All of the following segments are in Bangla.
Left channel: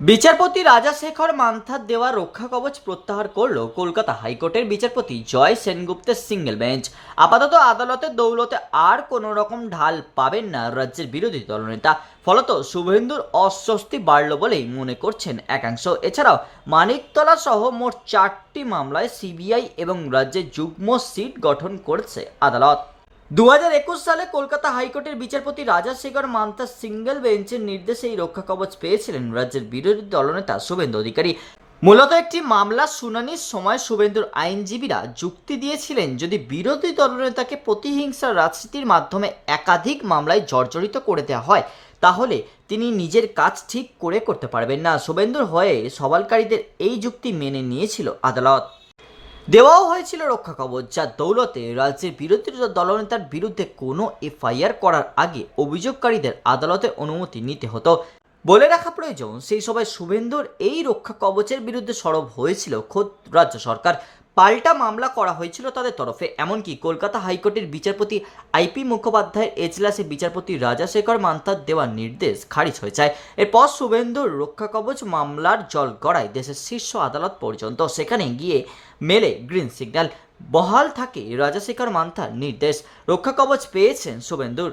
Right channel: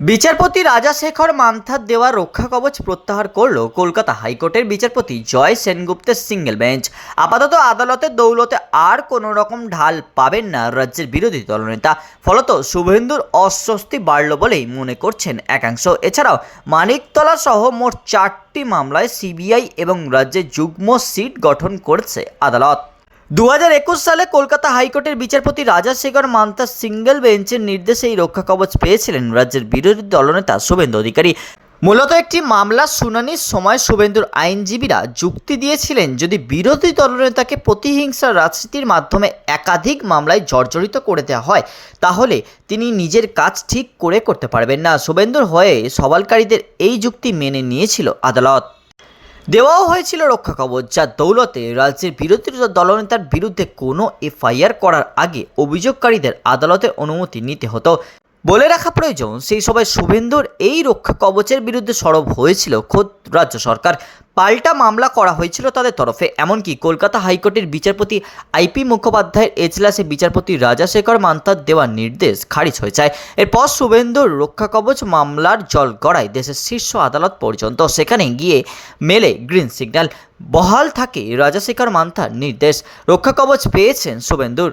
বিচারপতি রাজাশেখর মান্থার দেওয়া রক্ষা কবচ প্রত্যাহার করল কলকাতা হাইকোর্টের বিচারপতি জয় সেনগুপ্তের সিঙ্গেল বেঞ্চ। আপাতত আদালতের দৌলতে আর কোনো রকম ঢাল পাবেন না রাজ্যের বিরোধী দলনেতা। ফলত শুভেন্দুর অস্বস্তি বাড়ল বলেই মনে করছেন একাংশ। এছাড়াও মানিকতলা সহ মোট চারটি মামলায় সিবিআই এবং রাজ্যের যুগ্ম সিট গঠন করেছে আদালত। দু হাজার একুশ সালে কলকাতা হাইকোর্টের বিচারপতি রাজাশেখর মান্তা সিঙ্গেল বেঞ্চের নির্দেশে এই রক্ষা কবচ পেয়েছিলেন রাজ্যের বিরোধী দলনেতা শুভেন্দু অধিকারী। মূলত একটি মামলার শুনানির সময় শুভেন্দুর আইনজীবীরা যুক্তি দিয়েছিলেন যদি বিরোধী দলনেতাকে প্রতিহিংসার রাজনীতির মাধ্যমে একাধিক মামলায় জর্জরিত করে দেওয়া হয়, তাহলে তিনি নিজের কাজ ঠিক করে করতে পারবেন না। শুভেন্দুর হয়ে সবালকারীদের এই যুক্তি মেনে নিয়েছিল আদালত। দেওয়াও হয়েছিল রক্ষা কবচ, যা দৌলতে রাজ্যের বিরোধী দলনেতার বিরুদ্ধে কোনো এফআইআর করার আগে অভিযোগকারীদের আদালতের অনুমতি নিতে হতো। বলে রাখা প্রয়োজন, সেই সময় শুভেন্দুর এই রক্ষা কবচের বিরুদ্ধে সরব হয়েছিল খোদ রাজ্য সরকার। পাল্টা মামলা করা হয়েছিল তাদের তরফে। এমনকি কলকাতা হাইকোর্টের বিচারপতি আইপি মুখোপাধ্যায়ের এজলাসে বিচারপতি রাজাশেখর মান্তার দেওয়া নির্দেশ খারিজ হয়ে যায় এরপর শুভেন্দুর রক্ষা কবচ মামলার জল গড়ায় দেশের শীর্ষ আদালত পর্যন্ত সেখানে গিয়ে মেলে গ্রিন সিগন্যাল। বহাল থাকে রাজাশেখর মান্থার নির্দেশ। রক্ষা কবচ পেয়েছেন শুভেন্দুর,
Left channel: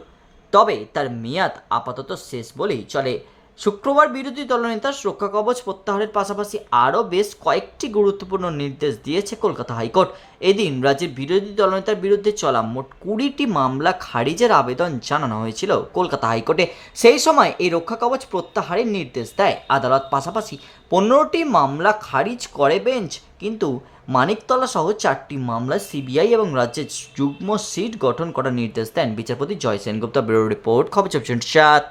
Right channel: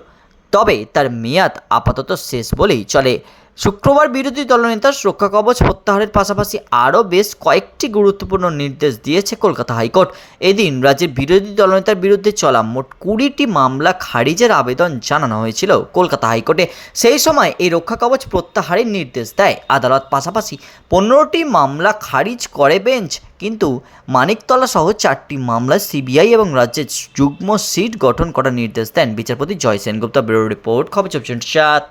তবে তার মেয়াদ আপাতত শেষ বলেই চলে। শুক্রবার বিরোধী দলনেতা রক্ষা কবচ প্রত্যাহারের পাশাপাশি আরও বেশ কয়েকটি গুরুত্বপূর্ণ নির্দেশ দিয়েছে কলকাতা হাইকোর্ট। এদিন রাজ্যের বিরোধী দলনেতার বিরুদ্ধে চলা মোট কুড়িটি মামলা খারিজের আবেদন জানানো হয়েছিল কলকাতা হাইকোর্টে। সেই সময় এই রক্ষা কবচ প্রত্যাহারের নির্দেশ দেয়। আদালত পাশাপাশি পনেরোটি মামলা খারিজ করে বেঞ্চ, কিন্তু মানিকতলা সহ চারটি মামলায় সিবিআই এবং রাজ্যের যুগ্ম সিট গঠন করার নির্দেশ দেন বিচারপতি জয় সেনগুপ্তা। ব্যুরো রিপোর্ট, খবর চব্বিশ সাত।